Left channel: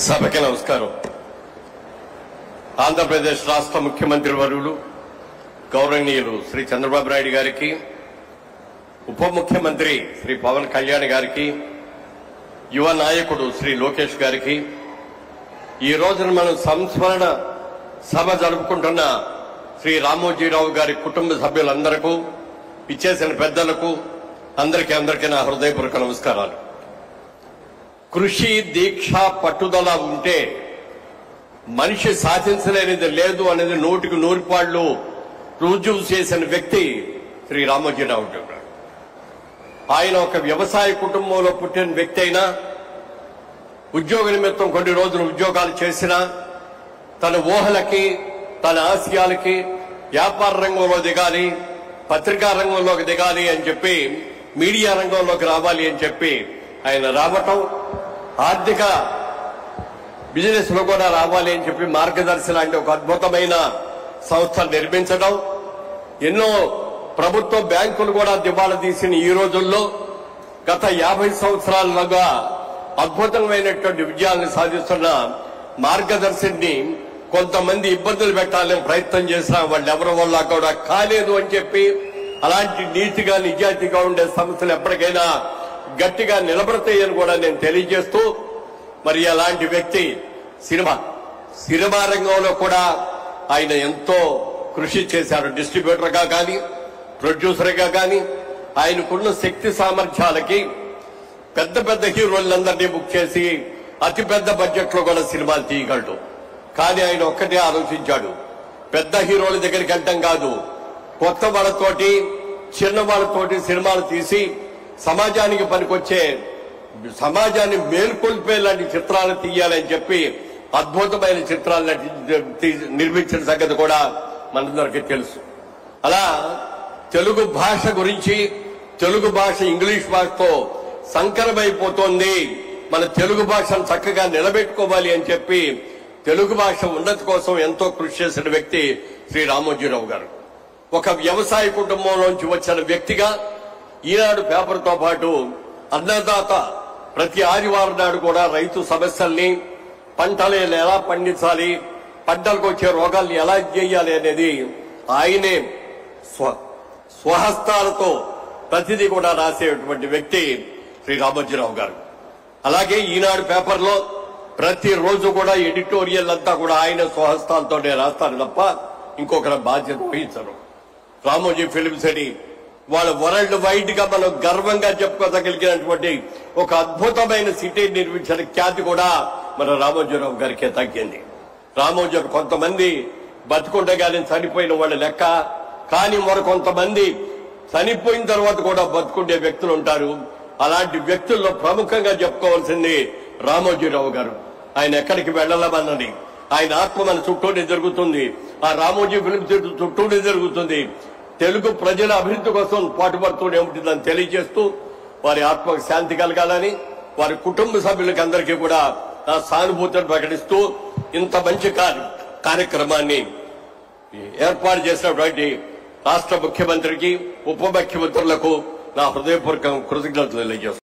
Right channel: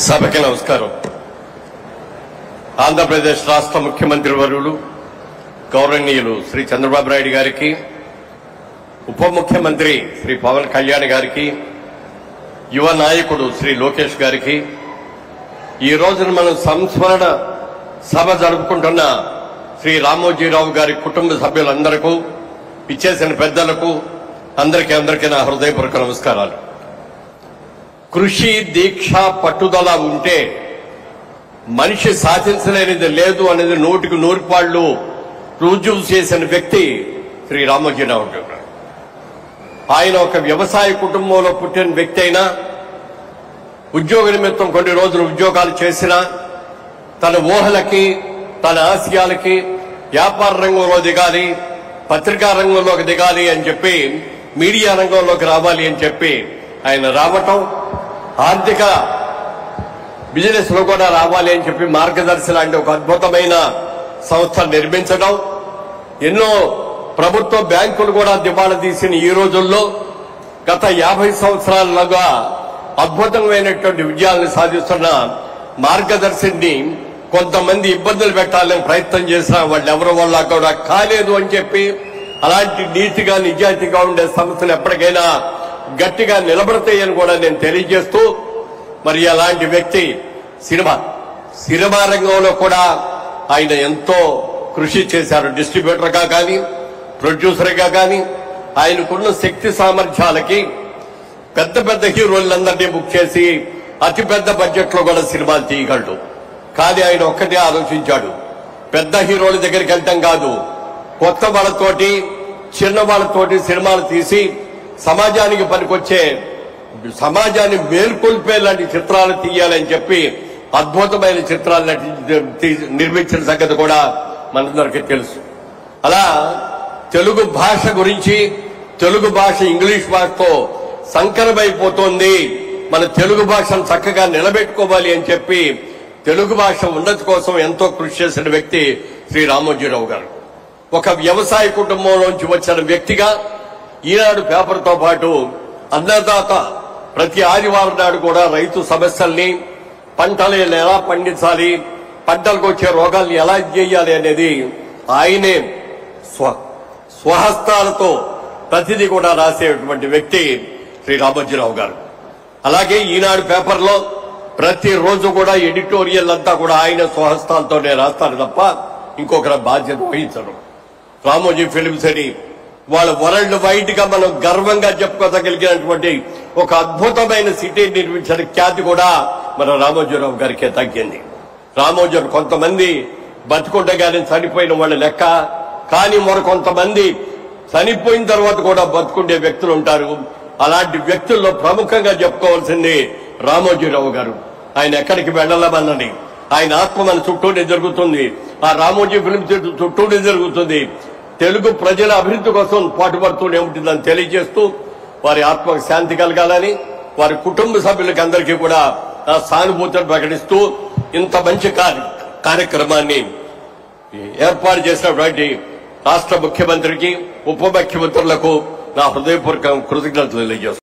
సభకి నమస్కారం. ఆంధ్రప్రదేశ్ రాష్ట్ర ముఖ్యమంత్రి వర్యులు గౌరవనీయులు శ్రీ చంద్రబాబు నాయుడు గారికి, ఉప ముఖ్యమంత్రి శ్రీ పవన్ కళ్యాణ్ గారికి, యువ నాయకుడు శ్రీ లోకేష్ గారికి, ఈ రోజున మనం సంస్మరణ సభ జరుపుకుంటున్న శ్రీ రామోజీరావు గారి కుటుంబ సభ్యులందరికీ, ఇచ్చేసిన పెద్దలకు అందరికీ నా హృదయపూర్వక నమస్కారాలు. కృషి, దీక్ష, పట్టుదల ఉంటే మనిషి సాధించలేనిది లేదు అనేది 100% రుజువు చేసిన వ్యక్తి శ్రీ రామోజీరావు గారు. ఆయన ఒక వ్యవసాయ కుటుంబంలో పుట్టిన వ్యక్తి అయినా, ఉద్యోగ నిమిత్తం కొన్ని రోజులు ఉద్యోగాలు చేసినా, తన ఊహలకి, తన ఆశయాలకి వ్యాపార రంగంలో దిగాలి, పత్రికా రంగంలోకి దిగాలి అని చెప్పి, మీడియా రంగంలోకి రావాలి అని చెప్పి ఆయన రావటం, ఆర్థిక బిజినెస్ లో కూడా రావాలి అని చెప్పి మార్గదర్శి లాంటి ఒక అద్భుతమైన సంస్థ నిర్మించడం, ఎన్నో ప్రభుత్వ బ్యాంకులు కూడా దివాళా తీసిన ఈ రోజుల్లో గత 50 సంవత్సరాలుగా అద్భుతమైనటువంటి విజయాలను సాధిస్తున్న మార్గదర్శిని కొంతమంది ఇబ్బందులు పెట్టాలని ప్రయత్నం చేసినా వాళ్ళు ఎవరి వల్ల కూడా కాలేదు అని చెప్పి, అలాంటి నీతిగా నిజాయితీగా ఉండే సంస్థలు ఎప్పటికైనా గట్టిగా నిలబడతాయని కూడా నేను తెలియజేస్తూ, మరి అలాంటి వ్యక్తి సినిమా రంగంలో కూడా ఆయన ఎంతో కృషి చేశారు. డిస్ట్రిబ్యూటర్గా కానీ, ప్రొడ్యూసర్గా కానీ ఆయనకున్న శక్తి సామర్థ్యాలకి పెద్ద పెద్ద హీరోలందరినీ బుక్ చేసి అతి పెద్ద బడ్జెట్ లో కూడా సినిమాలు తీయగలడు. కానీ ఆయన ఒక్కటే ఆలోచించాడు, పెద్ద హీరోల దగ్గరికి వెళ్ళటం కాదు, కొత్త వాళ్ళతోటి, చిన్న వాళ్ళతోటి సినిమాలు తీసి సమాజానికి పనికొచ్చే, సమాజాన్ని మేల్కొల్పే లాంటి చిత్రాలు తీయాలని చెప్పి అద్భుతమైన చిత్రాలు నిర్మించిన సంగతి కూడా మనందరికీ తెలుసు. అలా తెలుగు భాష గురించి, తెలుగు భాష ఇంగ్లీష్ భాషతో సంకరమైపోతోంది, మన తెలుగు భాషను చక్కగా నిలబెట్టుకోవాలి అని చెప్పి తెలుగు భాష ఉన్నతి కోసం ఎంతో కృషి చేసిన వ్యక్తి శ్రీ రామోజీరావు గారు. ఒక వ్యవసాయ కుటుంబంలోంచి వచ్చిన వ్యక్తిగా ఈనాడు పేపర్తో పాటు అన్నదాత ప్రతి ఆదివారం నాడు కూడా రైతు సమస్యల్ని, పంటలు ఎలా పండించాలి, పంటలకు వచ్చే రోగాల్ని ఎలా చేయాలి అనేది ఆయనే స్వహస్తాలతో ప్రతిదీ కూడా రాసేటువంటి వ్యక్తి శ్రీ రామోజీరావు గారు. అలాగే ఈనాడు పేపర్లో ప్రతిరోజు కూడా ఎడిటోరియల్ అంతా కూడా ఆయన స్వహస్తాలతోనే రాస్తారు తప్ప ఇంకొకరి బాధ్యత వహించరు. రామోజీ ఫిలిమ్స్ అని వాళ్ళ వరల్డ్ వైడ్ గా మనం గర్వంగా చెప్పుకోదగలిగినటువంటి ఒక అద్భుతమైన సిటీ నిర్మించిన ఖ్యాతి కూడా మన రామోజీరావు గారికే తగ్గింది. రామోజీ కొంతమంది బతుకుండగానే చనిపోయిన వాళ్ళ లెక్క, కానీ మరికొంతమంది చనిపోయిన తర్వాత కూడా బతుకుండే వ్యక్తులు ఉంటారు. అలాంటి వ్యక్తుల్లో ప్రముఖంగా చెప్పుకోవాల్సింది రామోజీరావు గారు. ఆయన ఎక్కడికి వెళ్లమన్నది ఆయన ఆత్మ మన చుట్టూనే జరుగుతుంది, ఆ రామోజీ ఫిల్మ్స్ చుట్టూనే జరుగుతుంది. తెలుగు ప్రజల అభివృద్ధి కోసం పాటుపడుతూనే ఉంటుందని తెలియజేస్తూ, వారి ఆత్మకు శాంతి కలగాలని, వారి కుటుంబ సభ్యులకి అందరికీ కూడా ఆ సానుభూతిని ప్రకటిస్తూ ఇంత మంచి కార్యక్రమాన్ని ఏర్పాటు చేసినటువంటి రాష్ట్ర ముఖ్యమంత్రికి, ఉప ముఖ్యమంత్రులకు నా హృదయపూర్వక కృతజ్ఞతలు తెలియజేస్తున్నాను.